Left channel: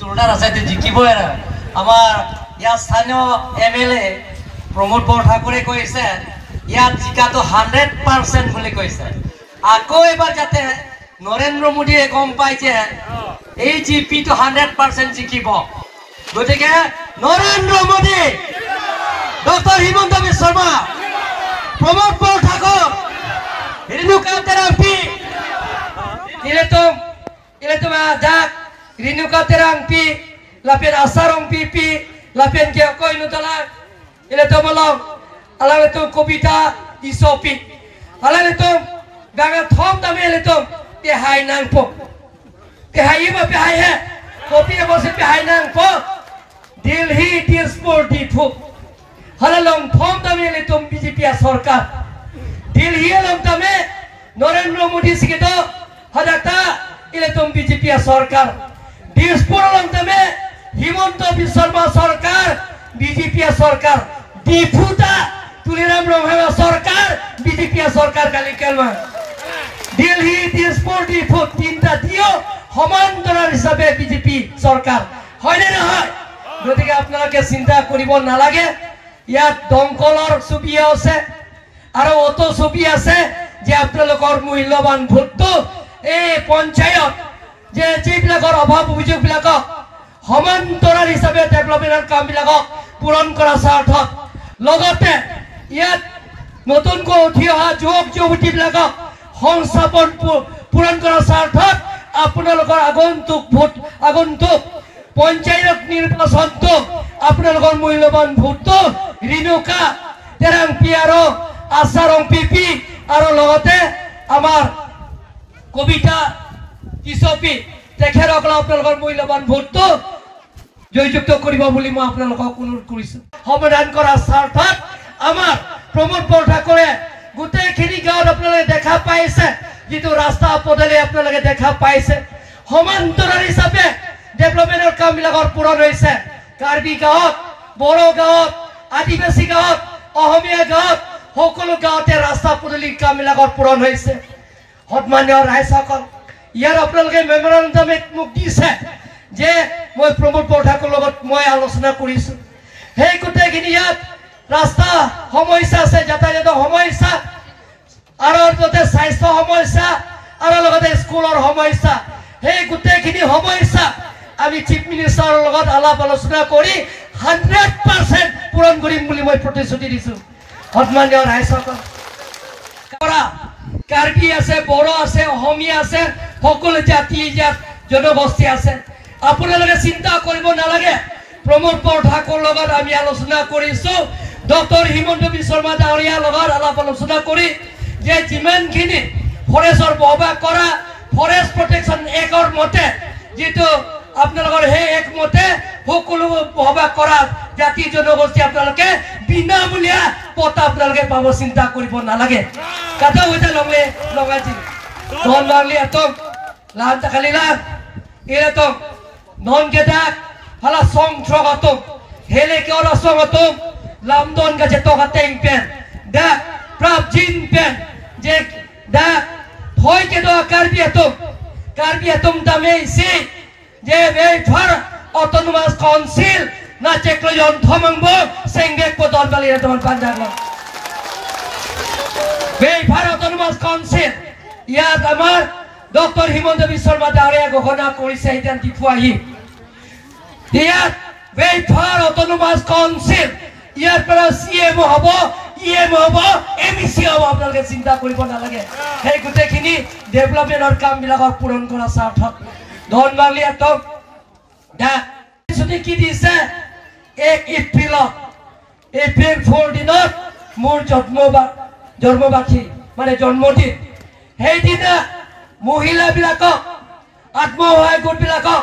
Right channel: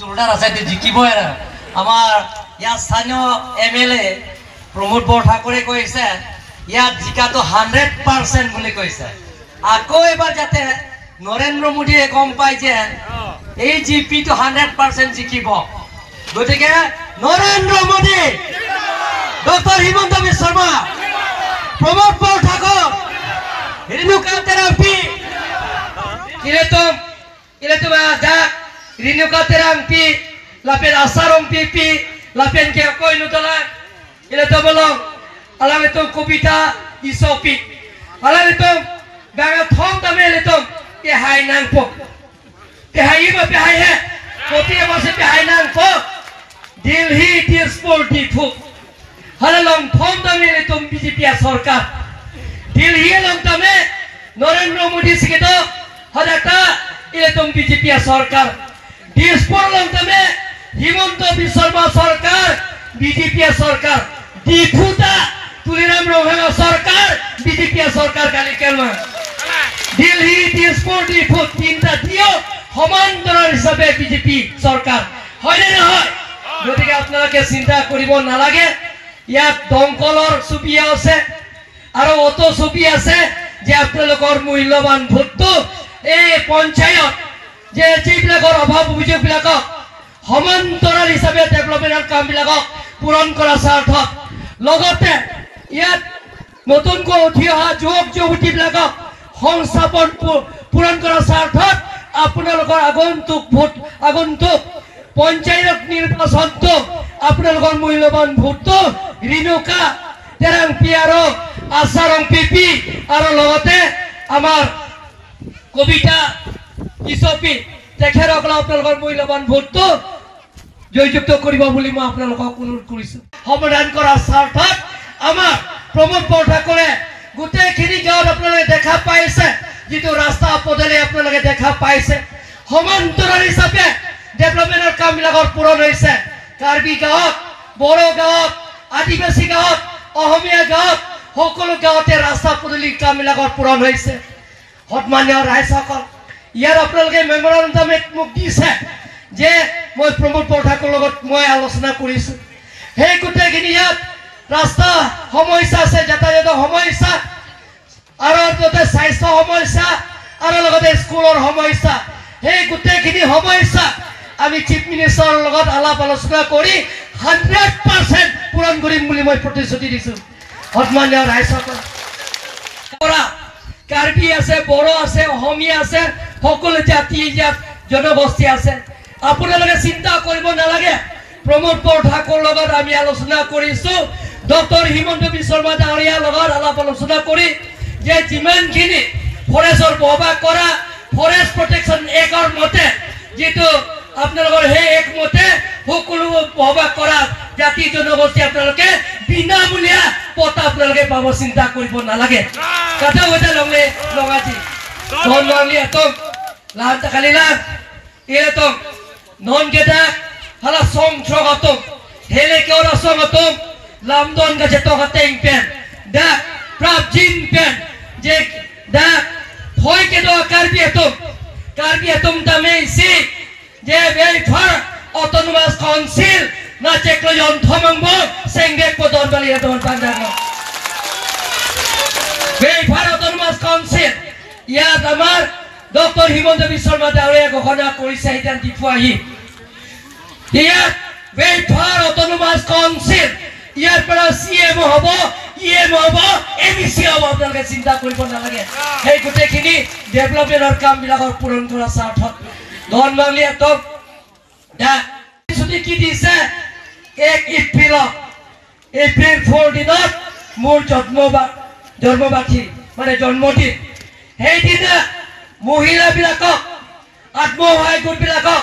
জোৰদাৰ আছে জিকিবই আৰু আমাৰ ইয়াৰ স্থানীয় MLA প্ৰমোদ বৰঠাকুৰে কৈছে ইয়াত জিকাটো 100% বুলি কৈছে আকৌ এবাৰ যাতে নৰেন্দ্ৰ মোদীয়ে গম পায় যে এই জিপিটো 100% জিকিব গতিকে নৰেন্দ্ৰ মোদী ডক্টৰ হিমন্ত বিশ্ব শৰ্মা প্ৰমোদ বৰঠাকুৰ রেণুকা তেরাংপি ইলেতুম আজাক রেণুকা তেরাংপি লাপেন আসারং পিপি লাপেন কে কই নুতলা ইলেতুম লং আলামেতুম কবিতা ইসপি আলামেতুম বাগা থম তামে ইলেতুম তে হাই নাং পো তে হাই ইমা পে হাই হে কোতি বসে পে হাই নাং পো দিল্লি দিসপুর দিফু হালালং থম তামে ইলেতুম বিজেপি সরকার দিল্লি লংতামে নরেন্দ্র মোদী সিকে তো হদাতা ইলেতুম বিজেপি সরকার দিসপুর লংতামে হিমন্ত বিশ্ব শর্মা সরকার বিজেপি সরকার দিফুতা তুলিরাম রহমান সরকার বিজেপি সরকার কালি কেন দিল্লি দিসপুর দিফু তিনটা দিও সমান্তরাল হিসাবে বিজেপি সরকার হয় না হয় গতিকে আপোনালোকে চিন্তা কৰিব নালাগে ইয়াত দংকলৰ ছবি আছে আৰু অত ছবি আছে যে আপোনালোকৰ মূল্যৱান ভোটটো এই পঞ্চায়ত যে যিবিলাকৰ অভাৱ অভিযোগবিলাকক সমান্তৰাল হিচাপে ডেভেলপমেণ্টৰ কামবিলাকক পূৰণ কৰা স্বাৰ্থত লগতে ইয়াত নতুনকৈ উঠি অহা যুৱক যুৱতীবিলাকক সংস্থাপন পূৰণ কৰাৰ স্বাৰ্থত আপোনালোকৰ আগন্তুক পঞ্চায়ত নিৰ্বাচনটো আপোনালোকৰ মূল্যৱান ভোটটো ৰেণুকা তেৰাংপি আৰু আসাৰং পিপি আৰু লগতে আমাৰ কবিতা ইসপি তেখেতসকল আপোনালোকৰ মূল্যৱান ভোটটো জয়যুক্ত কৰিব বুলি মই আপোনালোকক অনুৰোধ কৰিছো সমাধান কৰাৰ স্বাৰ্থত আমাৰ প্ৰমোদ বৰঠাকুৰে গোটেইখিনি গাঁৱত আপোনালোকে দেখা পাইছে যিটো ৰাস্তা পদূলি আপোনালোকে দেখা পাইছে সমান্তৰাল হিচাপে ডেভেলপমেণ্টৰ কামবিলাকৰ পূৰণ হৈছে কাৰ্বি গাঁৱত বড়ো গাঁৱত আদিবাসী গাঁৱত অসমীয়া গাঁৱত সকলো গাঁৱতে ৰাস্তা পদূলি কামবিলাকৰ পূৰণ হৈছে সন্মানীয় ৰাইজসকল ইয়াৰ আপোনালোকে মেমৰেণ্ডামত মোক দিছে যে মই প্ৰমোদ বৰঠাকুৰৰ লগত মই আলোচনা কৰিছো সেই গোটেইখিনি ইয়াত ৰাস্তা সমস্যা আছে যাতায়াতৰ সমস্যা আৰু লগতে স্বাস্থ্য সমস্যা আৰু লগতে স্কুলৰ সমস্যা সেই গোটেইখিনি সমস্যা আমি চিফ মিনিষ্টাৰৰ লগত আলাপ আলোচনা কৰি 100% পূৰণ কৰিম বুলি মই প্ৰতিশ্ৰুতি দিছো সন্মানীয় ৰাইজসকল কাৰ্বি আছে বড়ো আছে অসমীয়া আছে সকলো জাতি জনগোষ্ঠী আছে আপোনালোকে চিন্তা কৰিব নালাগে প্ৰমোদ বৰঠাকুৰৰ লগত আমি আলোচনা কৰিছো ডক্টৰ হিমন্ত বিশ্ব শৰ্মা ডাঙৰীয়াৰ লগত আলাপ আলোচনা কৰি যে যিমানখিনি ফৰেষ্টৰ বহবাস কৰা ফৰেষ্ট প্ৰটেকশ্যন একৰ মতে যিটো আপোনালোকৰ সেই একমতে সকলো বহবাস কৰা জাতি জনগোষ্ঠী আপোনালোকে বিনামূলীয়া পথ আপোনালোকে পাব চিন্তা কৰিব নালাগে কথা হৈছে লগাজি নন মাংলি এতম লান কালিলান এতম নন গেদা হালা সং ছগতম হেলে কেওলা সগতম লামদন গাছে তগতেং পেন দা প্রাপ জিন পেন যে দা হয় কে দো কার্বি এতম দামে সি যে বেফার অটোনোমাস কাউন্সিল না চেকলো যন্ত্রমঙ্গ সেঙ্গে পদন বালি দন পান্ডাঙ্গ বেফার অটোনোমাস কাউন্সিল ইয়াত আমার ডক্টর হিমন্ত বিশ্ব শর্মা ডাঙৰীয়া ঘোষণা কৰিছে এতিয়া দিপুৱাহি ইয়াত বেফাৰ অটোনোমাস কাউন্সিল ইয়াৰ পৰা সিএম হ'ব ইএম হ'ব এমসি হ'ব আপোনালোকে চিন্তা কৰিব নালাগে সেই গোটেইখিনি ডেভেলপমেণ্টৰ কামবিলাকৰ পূৰণ কৰা স্বাৰ্থত ধন বাংলি এতম দা যদি কি দিছে 1 এপ্ৰিল 4 দিনত মোৰ জন্মবাৰ্ষিকী মানে জন্মদিন সেইদিনা মহিলাবিলাকক আত্মসহায়ক গোটবিলাকক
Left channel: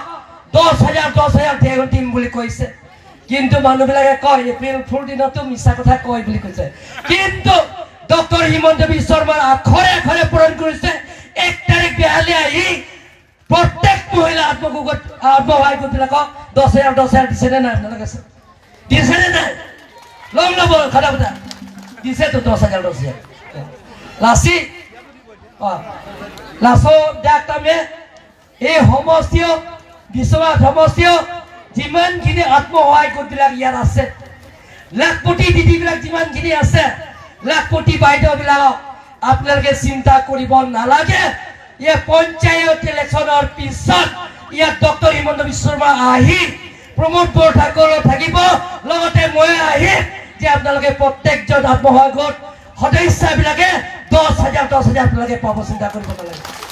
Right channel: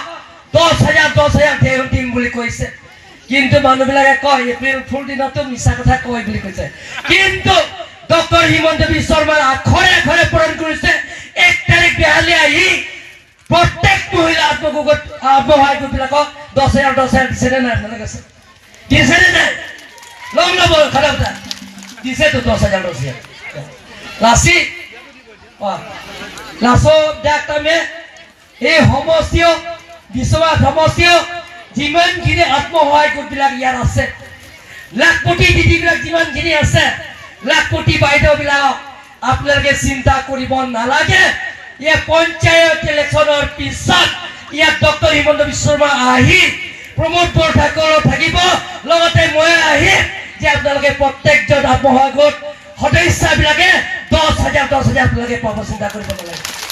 10,000 দিম বুলি কৈছে কিন্তু মানুহবিলাকে কয় এপ্ৰিল ফুল দিনতো মিছা কথা কয় বুলি কৈছে কিন্তু ডক্টৰ হিমন্ত বিশ্ব শৰ্মাৰ আখৰে পূৰণ কৰিছে 1 তাৰিখ বিহালে আহি প্ৰত্যেক মহিলা আত্মসহায়ক গোটবিলাকক 10,000 দিছে নে নাই নালাগে দিছে নে নাই লং লব কথা দিছে তো 10,000 লাসি লাসো ডাক্তামে এই সমষ্টিও বিশ্বনাথ সমষ্টিও যিমানখিনি আত্মসহায়ক গোটবিলাক ইয়াত আছে লাখপতি দিদিবিলাক যিমানখিনি আছে লাখপতি বাইদেউবিলাক আপোনালোকে চিন্তা কৰিব নালাগে ইয়া পঞ্চায়ত ইলেকশ্যনৰ পিছত ইয়াত ডক্টৰ হিমন্ত বিশ্ব শৰ্মা আহি প্ৰমোদ বৰঠাকুৰ থাকিব লগতে মই আহিম যে আপোনালোকে প্ৰত্যেকজন আত্মসহায়ক গোট সদস্যবিলাকে 10,000 আপোনালোকে পাব চিন্তা কৰিব নালাগে